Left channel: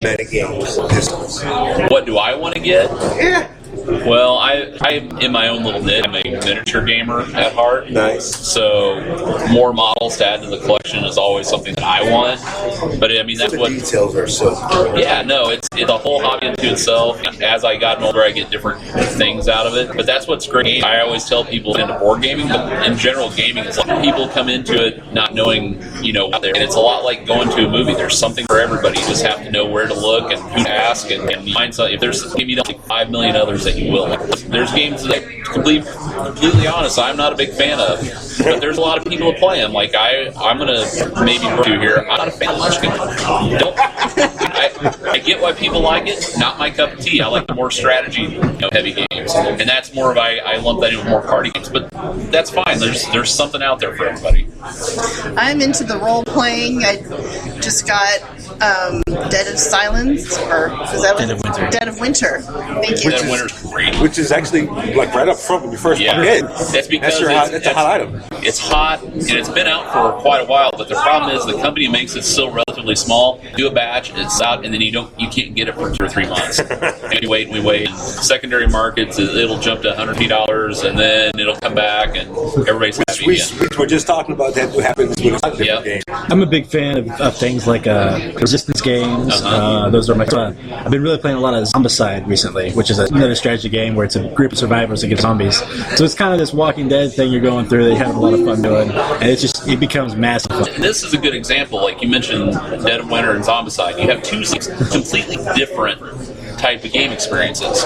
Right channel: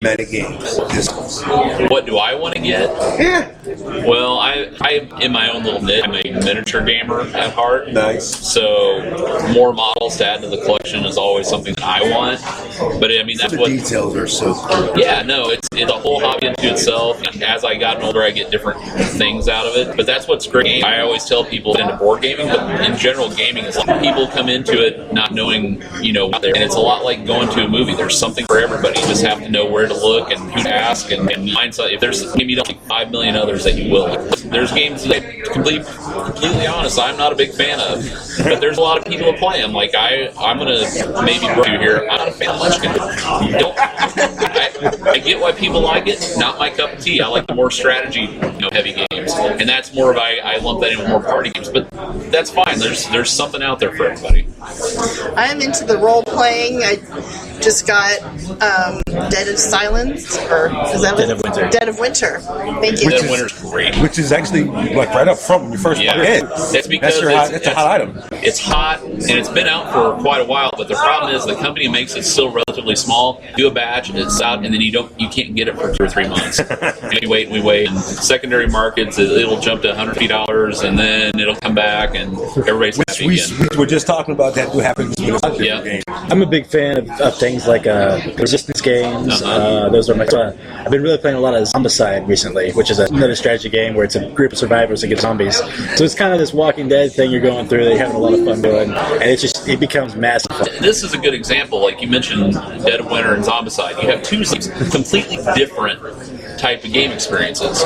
Fanatic games. What do I want to get? Yeah. Well, I'm in my own little niche. I'm a miniature gamer at heart. Nice. So more models to add to the collection is always something that I want. But I mean, that's The what. details are so cool. Yeah, no, it's a whole hobby unto itself. As I got older, I get different things out of it. But that's what's great. I always tell people into board gaming, but in general, gaming is like people come into it not knowing, out there. And it's a lot like going to a movie. There's something for everybody. You just have to know where to look and who to ask and find something. If there's maybe like 5 million others that you will. There's games that, completely honest, I'm not a big fan of. But there's a lot of people who play them. Like I'm gonna maybe do here. I'm not a fan of Munchkin. I get why people like it. Not my cup of tea. I like the more strategy, heavy games, and that's more of I lump that in with more party games. But that's fine. There's something out there for everybody. I'm into the role playing. I just got Dead of Silence, or is that Dead of Winter? Thank you. Dead of Winter's great. Which is actually like right up front when you first walk in. That's a hot item. It's hot and it's been out for quite a while. But the problem is the company makes it still relatively small. Do a batch, it's out, and then you can't get it for 2 or 3 months. And we wait. In secondary markets, it'll jump to $150, and then it'll come back, and everybody's happy we again. were just talking about that happens with a different game. I'm a big fan of things like resistance games. Those are my fun. I've been really playing a lot of Zombicide recently, which is another strategy game where it's a group of survivors against zombies. So it's kind of this Walking Dead thing you're going through that you have a lot of fun doing, and it becomes massive. This is a good example. Like you mentioned, Dead of Winter and Zombicide. You have two completely different type of game experiences.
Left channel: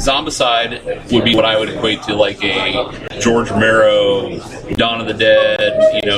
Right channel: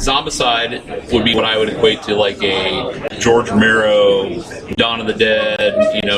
Zombicide would be what I would equate to like a George Romero, Dawn of the Dead,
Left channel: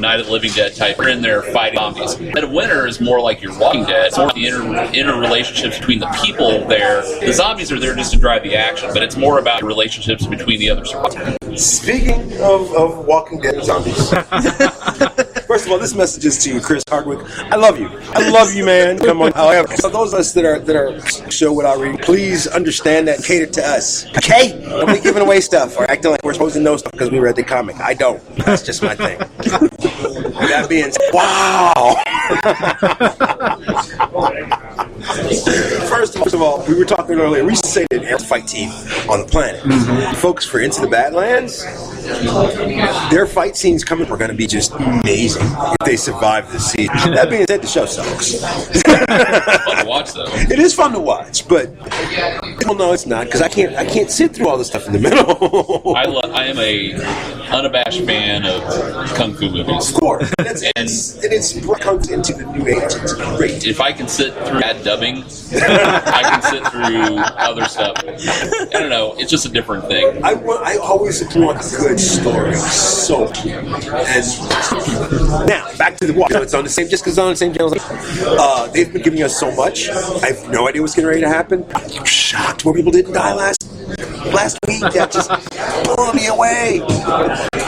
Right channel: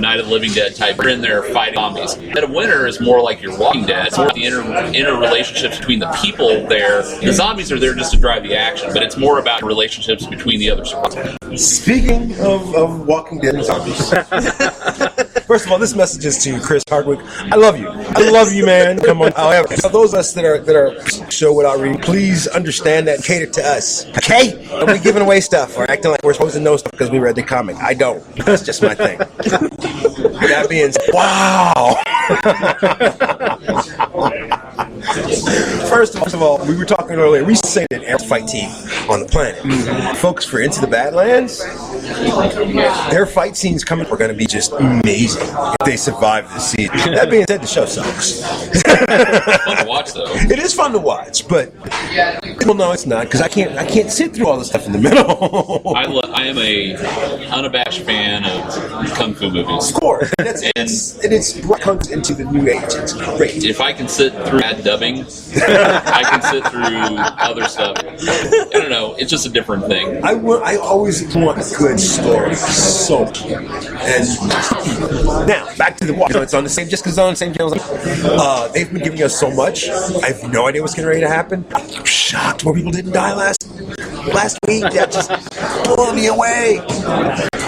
Night of the Living Dead type. You're in there fighting zombies. Dead of Winter is more like your Walking Dead. It's more the interrelationships between the people there. The zombies are there just to drive the action, but it's more about relationships between the other survivors. Speaking of Walking Dead and zombies, first of all, this message is to Chris Hardwick. I love you, man. Come on. However, those of us that are show without reading, please understand that and cater to us. Okay? Don't be giving away stuff or acting like we're supposed to know stuff because we read the comic. I don't. That's just my thing. With that being said, wow. First of all, we were talking earlier. We used to say that every fight team on the planet, folks for Into the Badlands, their fight scenes coming are going to be just amazing if they survive this season. That being said, the show sucks. It is fun to watch, but well, no, it's not because I can't sit through all the stuff in the middle. I am a unabashed fan of kung fu movies. Of course, and it's brought kung fu into the new age. It's great. If I can sit through bad dubbing, I can sit through other stuff. I don't know. It's just a different thing. I always want a good story, so. And now back to the watch. It's on the same. Just because it's on the same channel. They've been giving us so much. I have no idea what's getting ready to happen. I'm shocked more people didn't die last week. That just blew me away.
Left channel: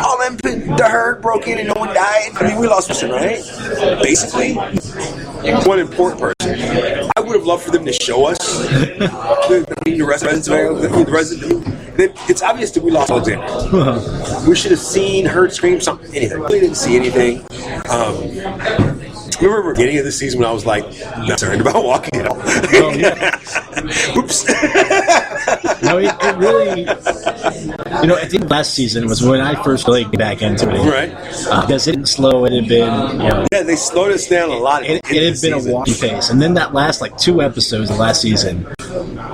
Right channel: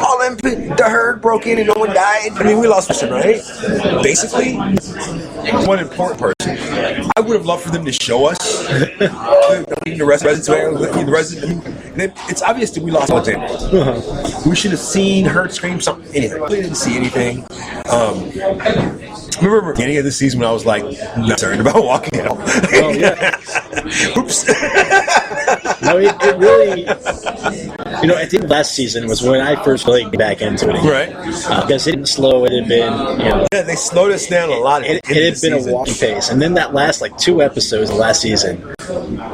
All them, the herd broke in and no one died. I mean, we lost a person, right? Basically, one important person. I would have loved for them to show us the residents of then it's obvious that we lost Alexander. We should have seen, heard, scream, something, anything. We didn't see anything. Remember the beginning of the season when I was like not concerned about walking out. Oops. I think last season was when I first really got back into it. Right. Because it didn't slow. It had been. Yeah, they slowed us down a lot at the end of the season. A walk pace. And then that last 2 episodes of last season,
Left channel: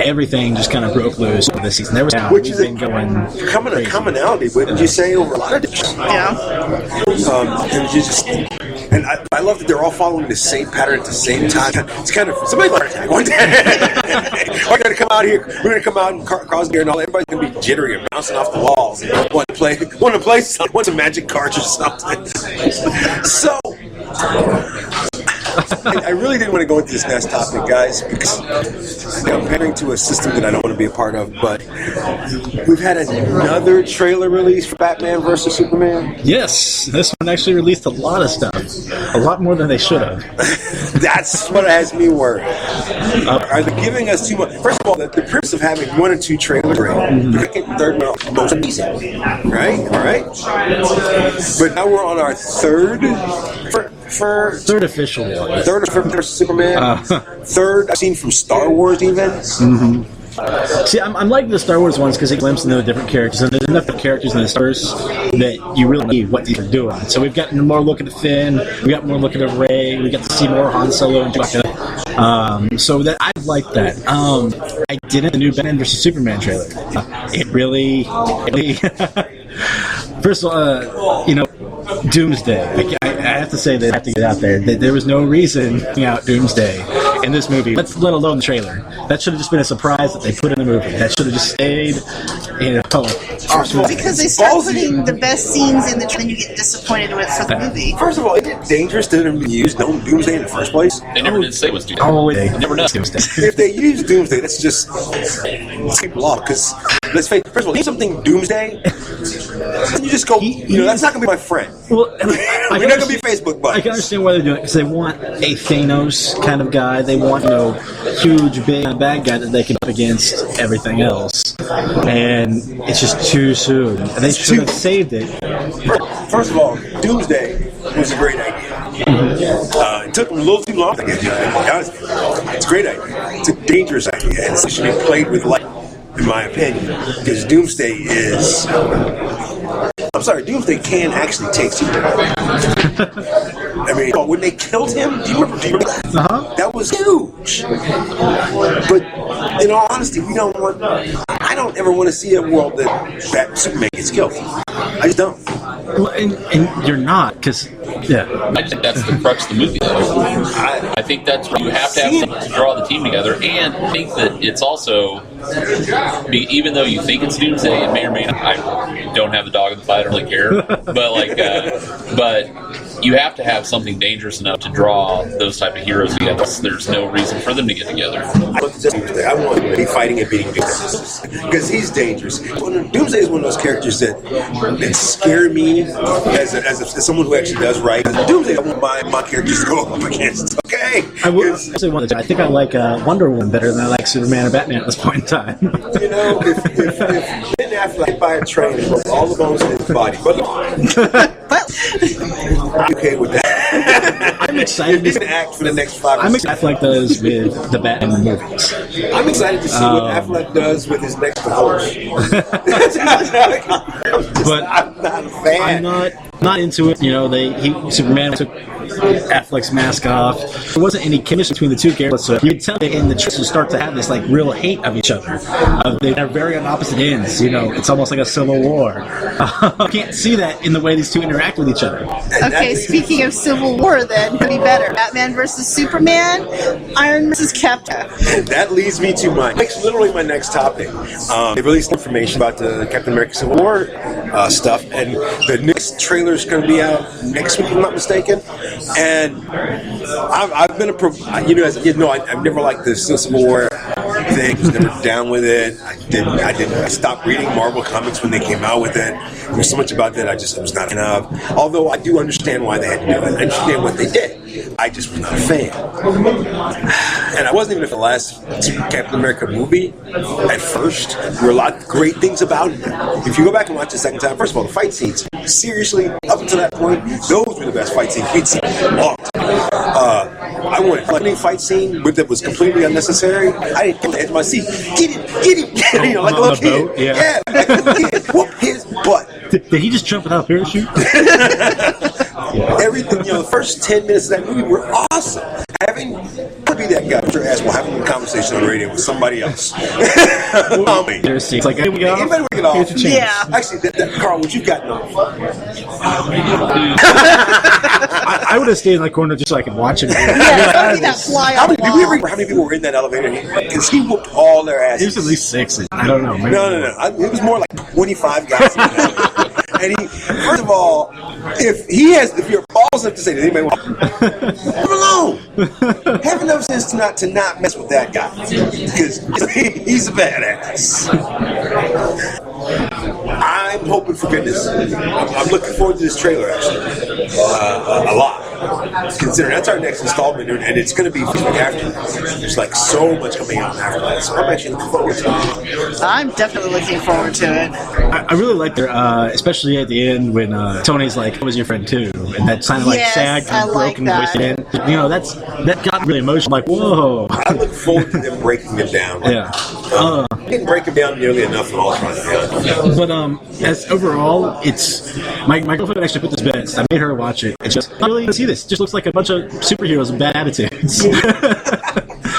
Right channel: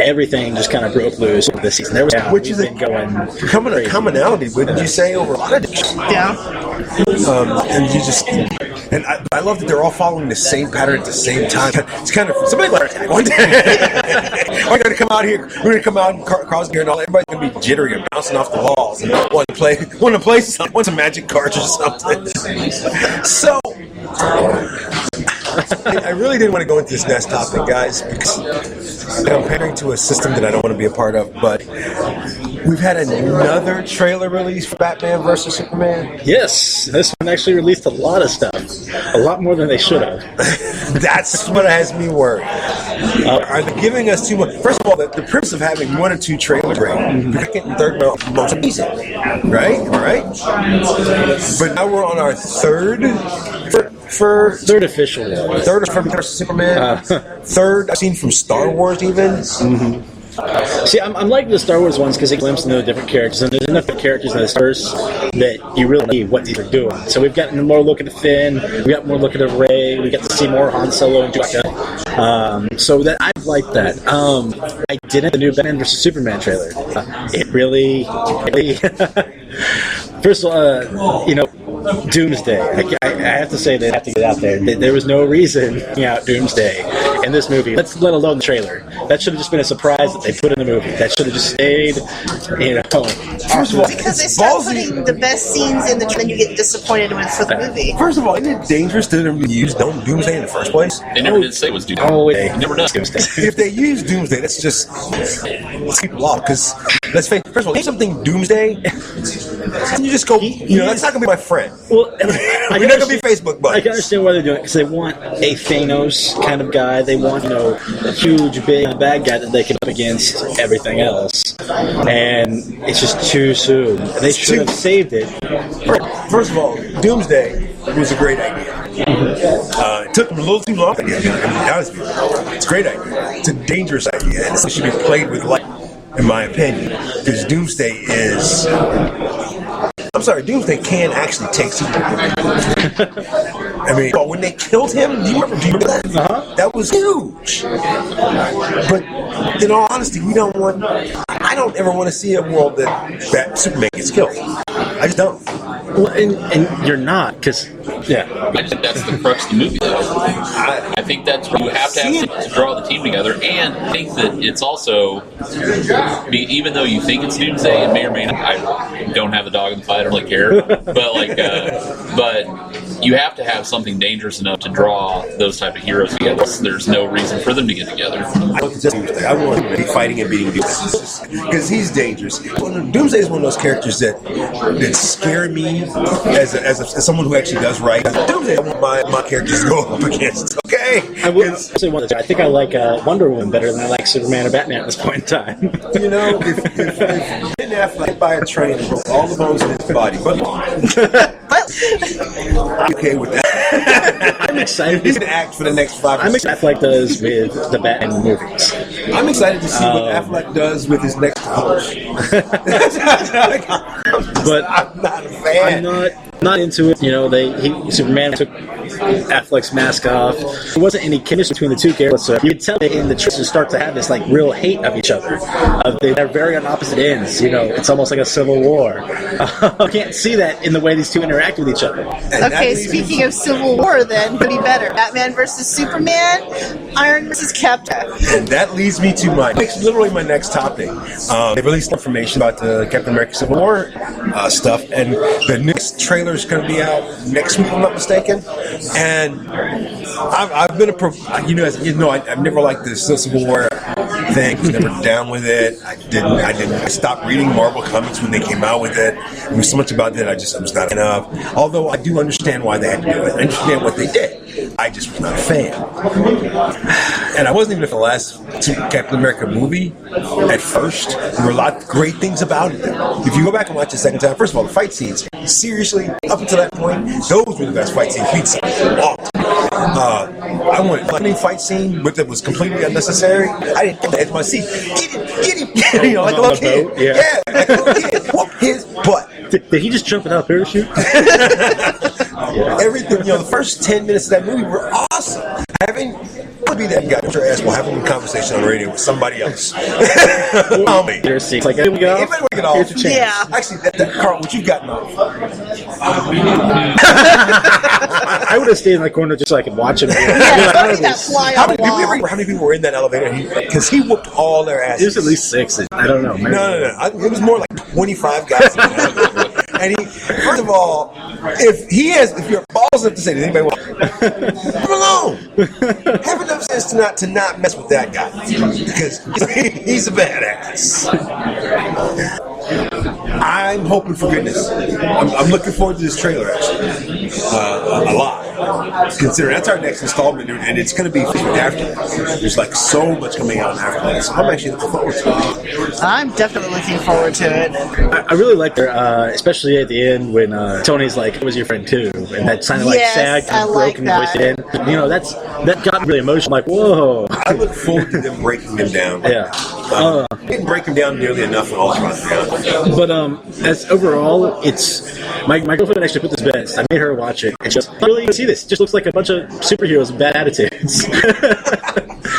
everything just kind of broke loose this season. There was which is becoming a commonality, wouldn't you say, over a lot of dishes? Yeah. And you just. And I love that they're all following the same pattern at the same time. It's kind of somebody let her attack one day. We're going to come out here. We're going to come out and cross gear and all. Everybody's going to be jittery and bouncing off the walls and want some magic cards or something. So I really didn't want to go into this next topic, guys, because I'm pandering to a system that I don't want to be a part of. But we've had another trailer release for Batman vs. Superman. Yes, this one actually released a lot of stuff. A lot more than they should have. That's what has me worried. Are they giving us too much? First of all, the premise of having 1 or 2 trailers, great. The second and third are most amazing. Right? All right? But now we're on our third for Third official one. third for Superman. Third I've seen from Star Wars even. See, I'm liking the Star Wars ones because they glimpse into the different characters, and there's enough of characters in the stars that you really need what they're doing. So we've gotten more look at Finn, we got more look at Rey, we get to see more Han Solo and things like that. So that I like that. I didn't the new Batman vs Superman trailer. It really first of all, Doomsday. I have to say that I have to get out there. There was no reason to out Doomsday in this movie. Let alone the trailer. That should have just been a surprise that they put in the movie. That should have just stayed. First of all, Because they it's start ballsy. putting the best scenes in the trailer, and you get disappointed with the movie. First of all, isn't it dangerous to use Doomsday in the first place? They never did say it was Doomsday. They never know. If they use Doomsday, that's just people off. Because let's face it, first of all, name something Doomsday, and you just go, that's not going to be my friend. Well, We're not going to be Facebook I buddies. can understand why they're doing it because they want a Thanos kind of guy. They want a huge, big bad guy that they can up against everything else, and it's just too soon. And they should have saved it. First of all, Doomsday was a great idea. It took them a little too long to get done, to be honest with you. It's a great idea. It's a dangerous idea, and it should be played with light, in my opinion, because Doomsday is... I'm sorry, Doomsday can actually take Superman. I mean, when they killed him, do you remember that? Uh-huh. That was huge. But in all honesty, I don't ever want to see a world that Superman gets killed. I just don't. Well, and you're not, because, yeah. I just think that's the crux of the movie, though. I think that's where you have to have someone to draw the team together, and I think that it's also, even though you think it's Doomsday, it may or may not. I don't have the dog in the fight, I don't really care, but but you have to have something dangerous enough to draw those type of heroes together. There's no reason for them to get together. I want Doomsday. I want him to be fighting and beating Doomsday because he's dangerous. Doomsday is one of those characters that scare me as someone who actually does right. Doomsday, I want my characters to go up against. Okay, I think I like Wonder Woman better than I like Superman or Batman at this point in time. if Ben Affleck hit by a train and broke all the bones in his body, but I'm okay with that. If he's gonna act for the next 5 or I'm 6, excited like those with the Batman movies. I'm excited to see what Affleck does with his next divorce. I'm not a fan. I'm not into it. Superman took Affleck's mask off. There wasn't any chemistry between the two characters. So you could tell in the trailers start to have this real hate of each other. They're very on opposite ends. It's almost like a civil war. I can't see that in the way these two interact with each other. And that Okay, leads me speaking of Civil War, then, what do you better? Batman versus Superman, Iron versus Captain. And that leads me to literally my next topic. They released information about the Captain America Civil War stuff, and the next trailer is going to be out next week, if I'm not mistaken. And I've been I've never liked the Civil War thing. I was never down with it. I stopped reading Marvel comics when they came out with it. There was so much about that I was not a fan of. Although I do understand why they had to do it. I understand what they did. I just was not a fan. And I wasn't even for the last Captain America movie at first. There were a lot of great things about it. If you go back and watch the second time, first of all, the fight scenes, seriously, up until that point, those were the best fight scenes we'd seen in a long time. I wanted a funny fight scene, but that was completely unnecessary. I didn't get the edge of my seat. Get him, like a little kid. Yeah, like a little kid. Whoop his butt. Did he just jump without a parachute? Everything, the first 10 minutes of that movie were awesome. Could be that guy. Your ass will have a conversation on the radio with somebody else. Anybody want to get off? Yeah. Actually, that Carl, what you've gotten off? I would have stayed in that corner just so I could watch it. How many people were in that elevator? Because he whooped all their asses. There's at least 6. I don't know. Man. No. It was more like 25 guys in the elevator. And first of all, if you're balls enough to say, does anybody want leave him alone? Have enough sense to not mess with that guy, because he's a badass. I'm hoping for goodness. I'm looking forward to this trailer actually, a lot. considering that's our next installment, and it's going to be after that. There's like so much coming out after that, so I'm actually looking forward to it. I'm definitely looking forward to it. I really like her, especially at the end when Tony's like, "Who was your friend too?" And that kind of like Yes, sad, I broken like voice. that. And, you know, that got really emotional. I'm like, whoa. I look forward to them breaking them down. Yeah. Didn't break them down nearly enough in Ultron, to be honest. But as overall, it's my girlfriend actually put this best. I made her watch it. It's just, I really want to see this. It just looks like a bunch of superheroes with bad attitudes.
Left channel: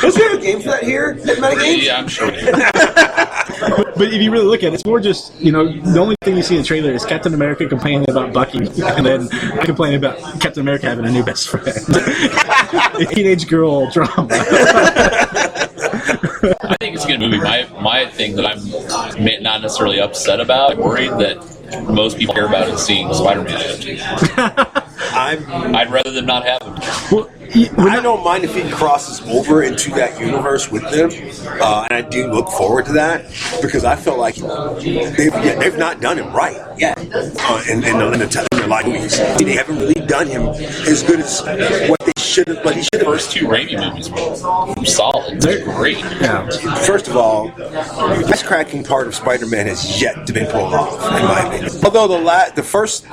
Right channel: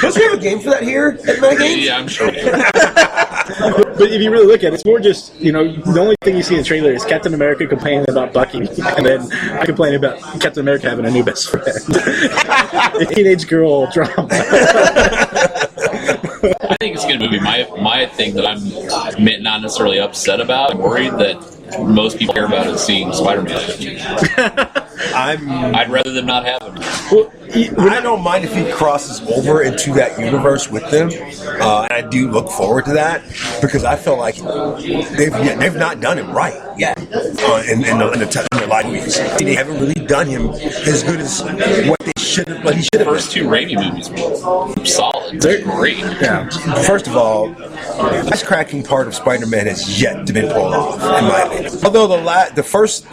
Don't you have a game for that here at Metagames? Yeah, I'm sure. But if you really look at it, it's more just, you know, the only thing you see in the trailer is Captain America complaining about Bucky, and then I complain about Captain America having a new best friend. A teenage girl drama. I think it's a good movie. My thing that I'm not necessarily upset about, I'm worried that most people care about is seeing Spider-Man. I'd rather them not have it. I don't mind if he crosses over into that universe with them, and I do look forward to that because I feel like they've not done him right yet in the live movies. They haven't really done him as good as what he should have The first been. two Raimi movies were solid. They're great. First of all, the best cracking part of Spider-Man has yet to be pulled off, in my opinion. Although the first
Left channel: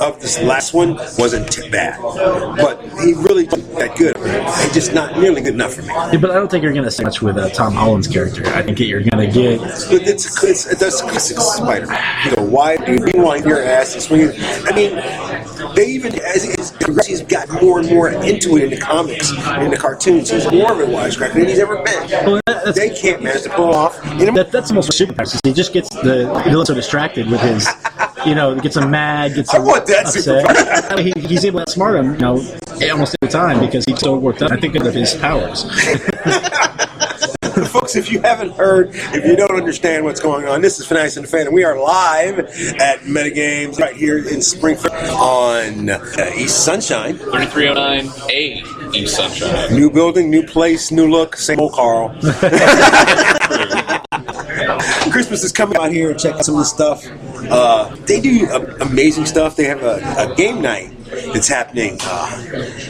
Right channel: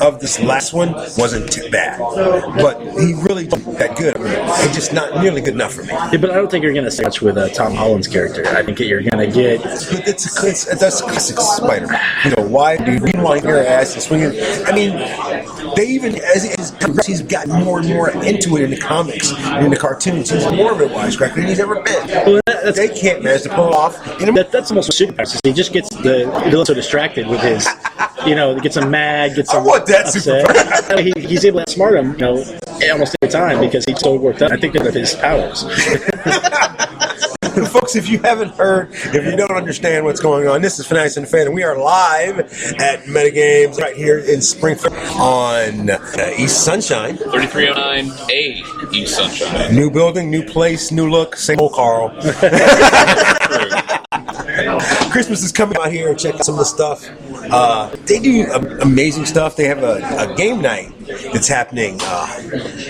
of this last one wasn't bad, but he really did that good. It's just not nearly good enough for me. Yeah, but I don't think you're going to see much with Tom Holland's character. I think that you're going to get... But that's classic Spider-Man. You know, why do you want your ass and swinging? I mean, they even as he's gotten more and more into it in the comics and in the cartoons. He's more of a wisecracker than he's ever been. They can't manage to pull it off. That's almost superpower. He just gets the villain so distracted with his, you know, gets him mad. Gets I him want that upset. superpower. He's able to outsmart him, you know, almost every time because he's so worked up. I think of his powers. Folks, if you haven't heard, if you don't understand what's going on, this is Fanatics and Fan, and we are live at Metagames right here in Springfield on East Sunshine. 3309A East Sunshine. New building, new place, new look, same old Carl. Christmas is coming out here and check out some of the stuff. They do amazing stuff. They have a game night that's happening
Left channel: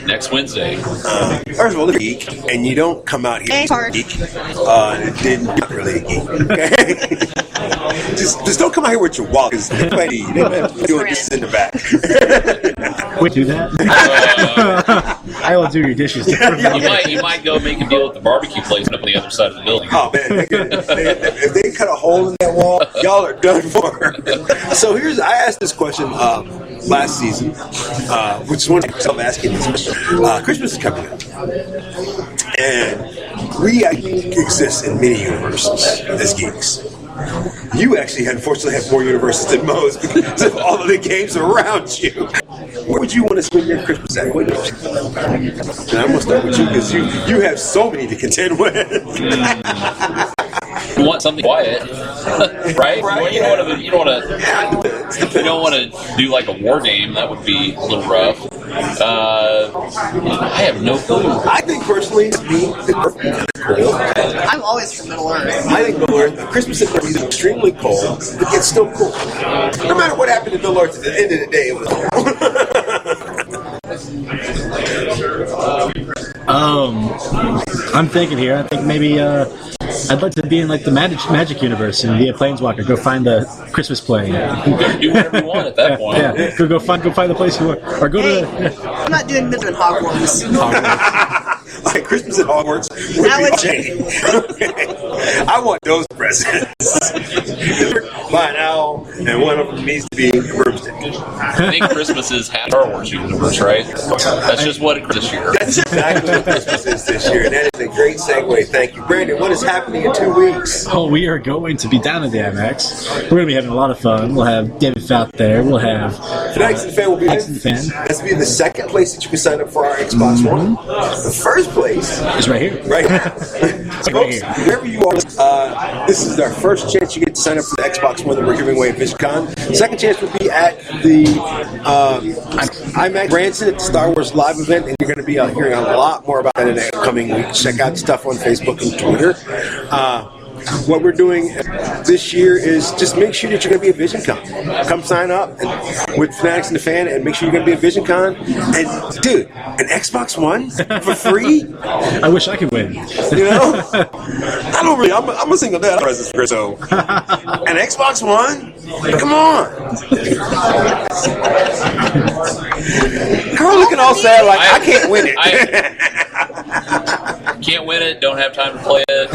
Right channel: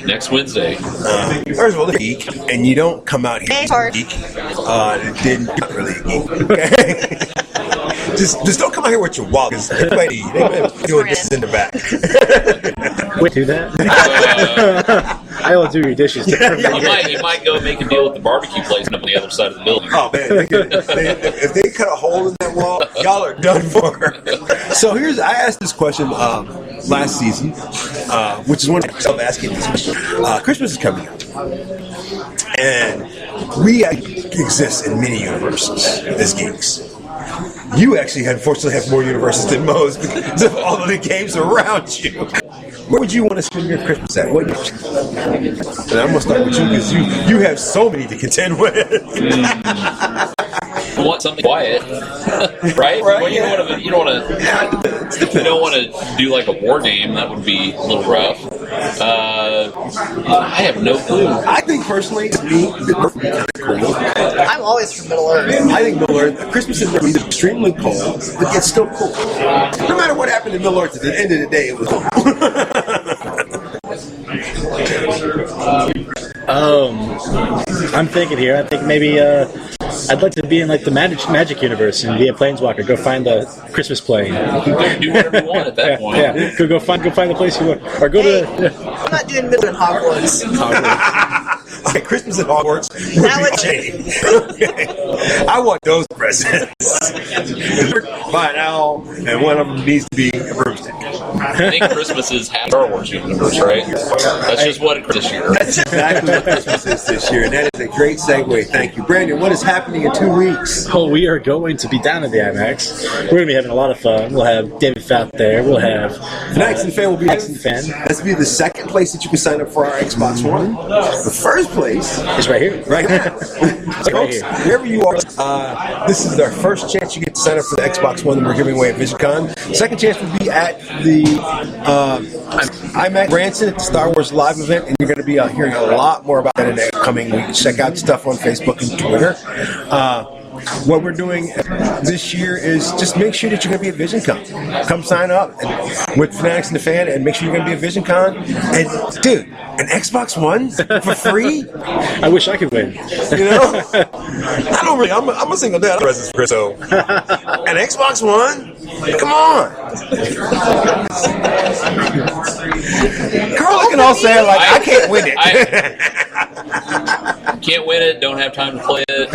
Next Wednesday. first of all, they're geek, and you don't come out here geek. Then you're not really a geek. Okay, just don't come out here with your wallet because they might be doing dishes in the back. We do that. I don't do your dishes. You might go make a deal with the barbecue place on the other side of the building. Oh man, if they cut a hole in that wall, y'all are done for. So I asked this question last season, which is one of myself asking this question. Christmas is coming up, and we exist in many universes as geeks. You actually, unfortunately, have more universes than most because of all of the games around you. Where would you want to spend your Christmas at? What? And I'm gonna start with you because you have so many to contend with. You want something quiet, right? Right, You don't want to. Yeah, it depends. You don't want to do like a war game. That would be a little rough. I have no clue. I think personally, to me, the Earth would be kind of cool. I'm always for Middle Earth. I think Middle Earth, Christmas in Middle Earth is extremely cold, but yet still cool. No matter what happened in Middle Earth, at the end of the day, it was cool. I'm thinking here. I think maybe I'd like to be in like the magic universe and be a planeswalker. Go find the Christmas plane. Do whatever you want at that point. Yeah. Go find the place you want, or go to. I'm not doing Middle in Hogwarts. All right, Christmas at Hogwarts would be a shame. Okay. I want those presents delivered by an owl, and one of them needs to be a broomstick. I think Christmas is half Star Wars universe, right? That's just what it is this year. That's exactly what Christmas is this year, and that is a great segue. Thank you, Brandon. What is happening in 2 weeks? Oh, we are going to be down at the IMAX. We're going to be having a lot of fun. We'll have David Fout there. We'll have Fanatics and Fan will be Fanatics and Fan. That's be the second place that you can sign up for our Xbox One. The first place It's right here. right now. Folks, wherever you are, this is our first chance you get to sign up for the Xbox One that we're giving away at VisionCon. Second chance will be at the IMAX Branson at the Star Wars Live event, and you're going to be hearing a lot more about that in the coming weeks. Check out stuff on Facebook and Twitter. what we're doing this year is just make sure that you're going to be at VisionCon. Come sign up with Fanatics and the Fan, and make sure you're going to be at VisionCon. And dude, an Xbox One for free? I wish I could win. You know, I don't really. I'm a single dad. Presents for Chris, so an Xbox One? Come on. Carl looking all sad like I can't win it. Can't win it. Don't have time to play it.